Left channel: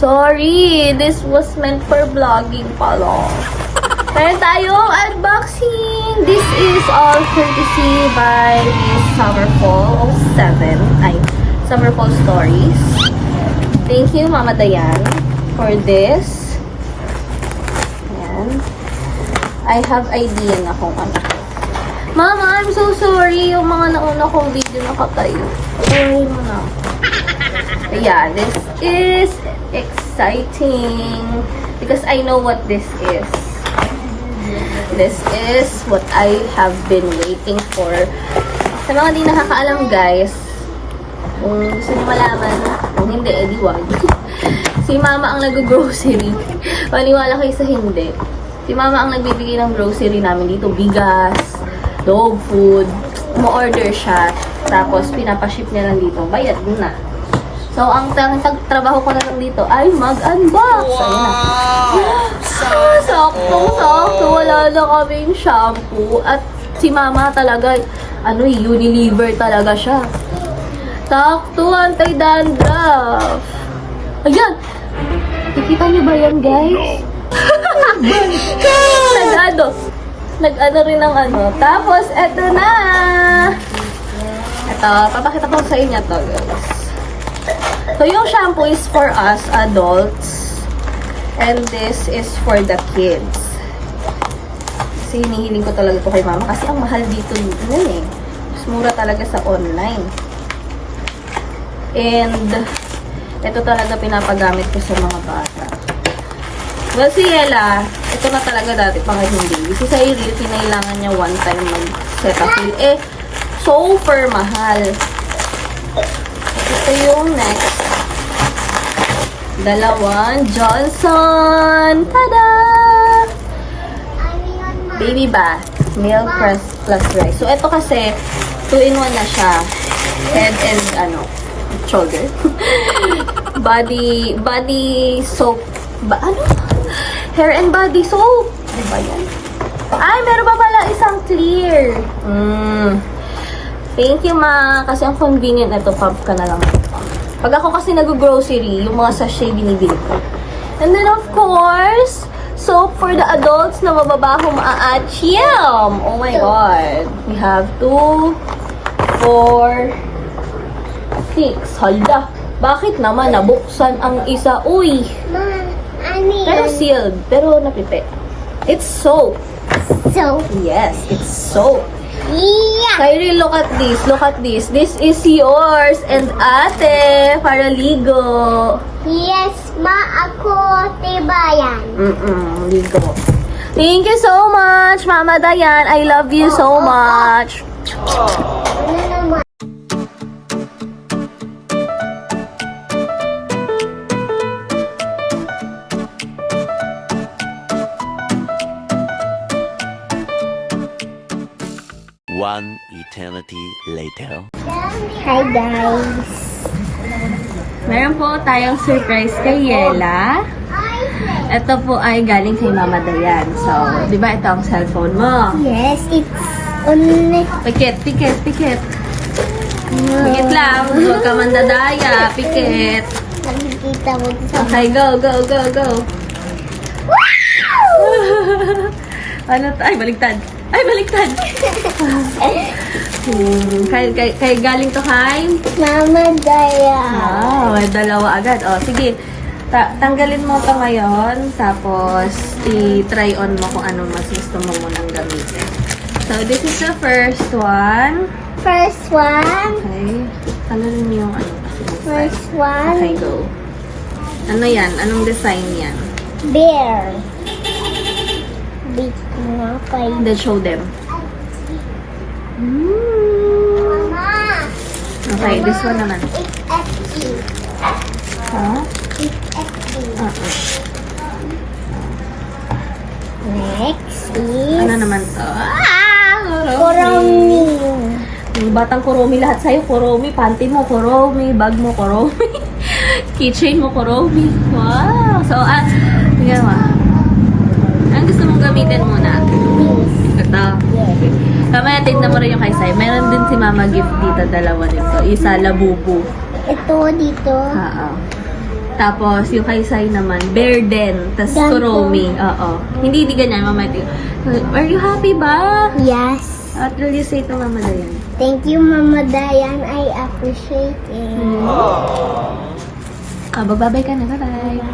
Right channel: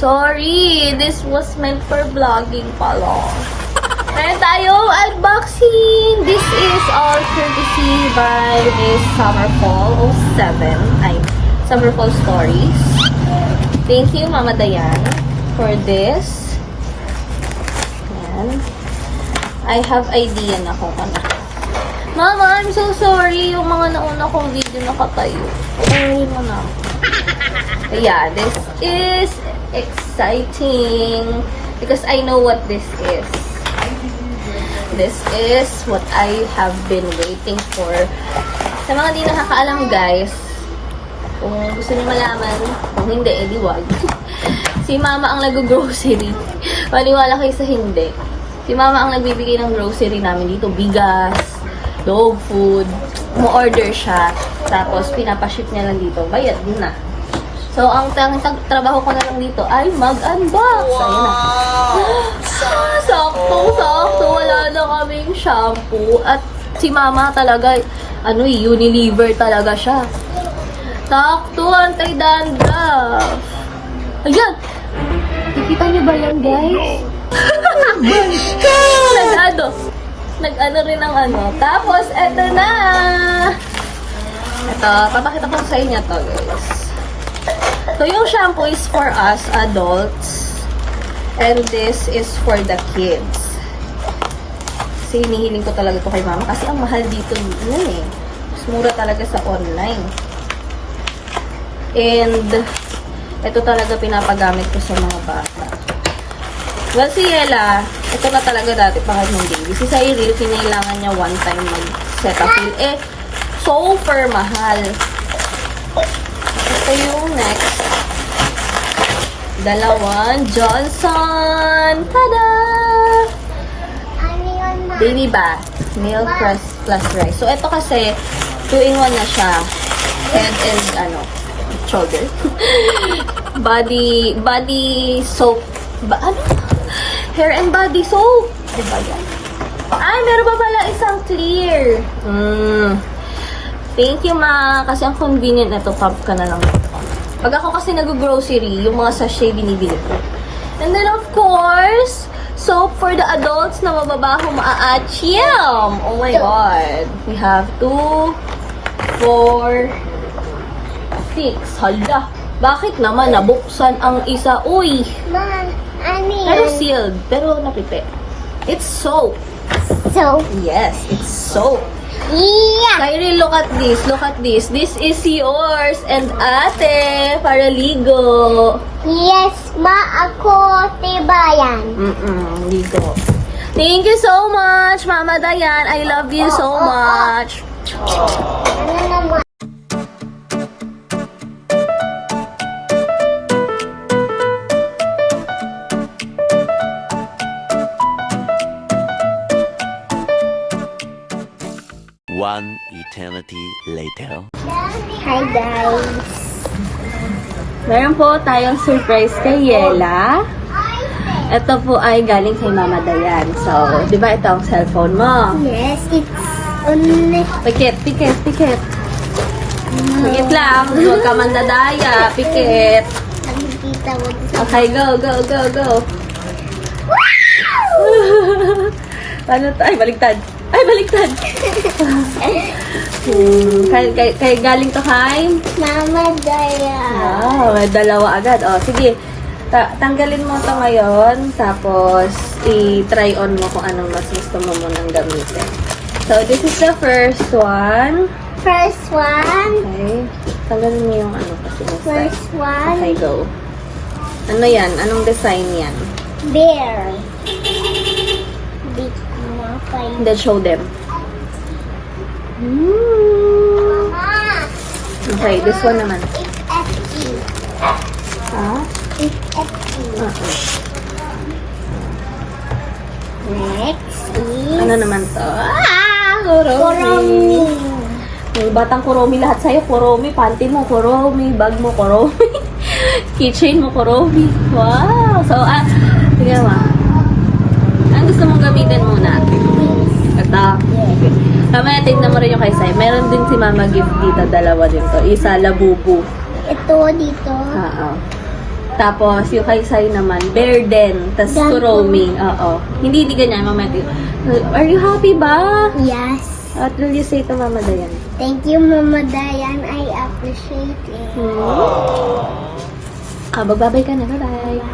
Sorry, this was meant for vlogging pala. Meron tayong unboxing. This is all courtesy by Miss Summerfall 07. Ay, Summerfall Stories. Thank you, Mama Dayan, for this. Ayan. I have idea na kung ano. Mama, I'm so sorry. Yung mga nauna kong video nakatayo. Sorry mo na. Yeah, this is exciting because I know what this is. This is what I have been waiting for. Sa mga di nakakaalam, guys, kung gusto niyo malaman, kung hindi, edi wag. Si Mama ang nag-grocery. Maniwala kayo sa hindi. Si Mama ang nagbibigay ng grocery namin dito. Bigas, dog food. Umu-order siya. Tapos, pinapaship niya lang dito. Bayad din na. So, ang trabaho ko na lang dito ay mag-unbox. Wow! Saktong-sakto. Wala na kaming shampoo. At si Mama talaga, Unilever talaga siya. Sakto, anti-dandruff. Ayan! Nakita niyo ba yan, guys? Nag-ano rin ng ano. Tapos, eto na! Ito, papakita ko sa inyo to, guys. So, yung shampoo is for us, adults. And this is for the kids. Kasi hinihiling ko talaga ito kay Mama. Kasi ang mahal dito, mas mura talaga sa online. And, ito talaga pinapagamit ko sa mga bata. Well, si Ella, ito na talaga dati pa kanyang baby. Si Cyril, kinailangan niya one time mag-Cetaphil. Super mahal. Ito yung next. Dalawang Johnson! Tada! Baby bath. Milk plus rice. So, ito kasi, 2-in-1 na siya. Head and, shoulder. body soap. Hair and body soap. Diba yan? Ay, meron pa pala isang clear. Thank you, Ma. Kasi ang convenient na ito, pump ka na lang. Pag ako kasi nag-grocery, yung mga sachet binibili ko. And then, of course, soap for the adults na mababaho maaachiyam. Oh my God. We have 2, 4, 6. Hala. Bakit naman nabuksan ang isa? Uy. Pero sealed. Pero nakite. It's soap. So, Yes, it's soap. yeah. Kyrie, look at this. Look at this. This is yours and ate para ligo. Yes, ma, ako, tibayan. Ligo. Thank you so much, Mama Dayan. I love you so much. Ano naman? One eternity later. Hi, guys. Meron po tayong surprise kay Yela. Ito po ay galing kay Mama Dayan. So, di ba ito ang cellphone mo? Yes, it's on Pikit. Pikit lang. Huwag ka mandadaya. Pikit. Nakikita mo ito sa... Okay, go. Ano to? Ay, baliktad. Kay galing to kay? Mama Daya. May dalawa agad. Sige. Tanggalin mo to ngayon. Tapos, i-try on mo kung anong mas gusto mo munang gamitin. So, this is the first one. First one. Okay. Tanggalin mo yung kasi may First Okay, one. go. Ano yan? Anong design yan? Bear. Dito na kayo. Then, show them. Okay, this one naman. Ha? It's empty. Next is... Ano naman to? Kuromi. Yung batang kuromi lahat sa'yo. Kuromi, panty mo kuromi, bag mo kuromi, keychain mo kuromi. Wow! So, tingnan mo. Ang gusto mong gamitin muna? Ito. Kamaya, tingnan mo rin yung kay Sai. Meron din si Mama gift dito. Dalawa din to. Isa, labubu. Ito dito. Tapos, yung kay Sai naman, Bear Den. Tapos, Dan po. Kuromi. Oo. Hindi ganyan, Mama Dayan. Are you happy ba? Yes. What will you say to Mama Dayan? Thank you, Mama Dayan. I appreciate it. Magbabay ka na. Bye-bye.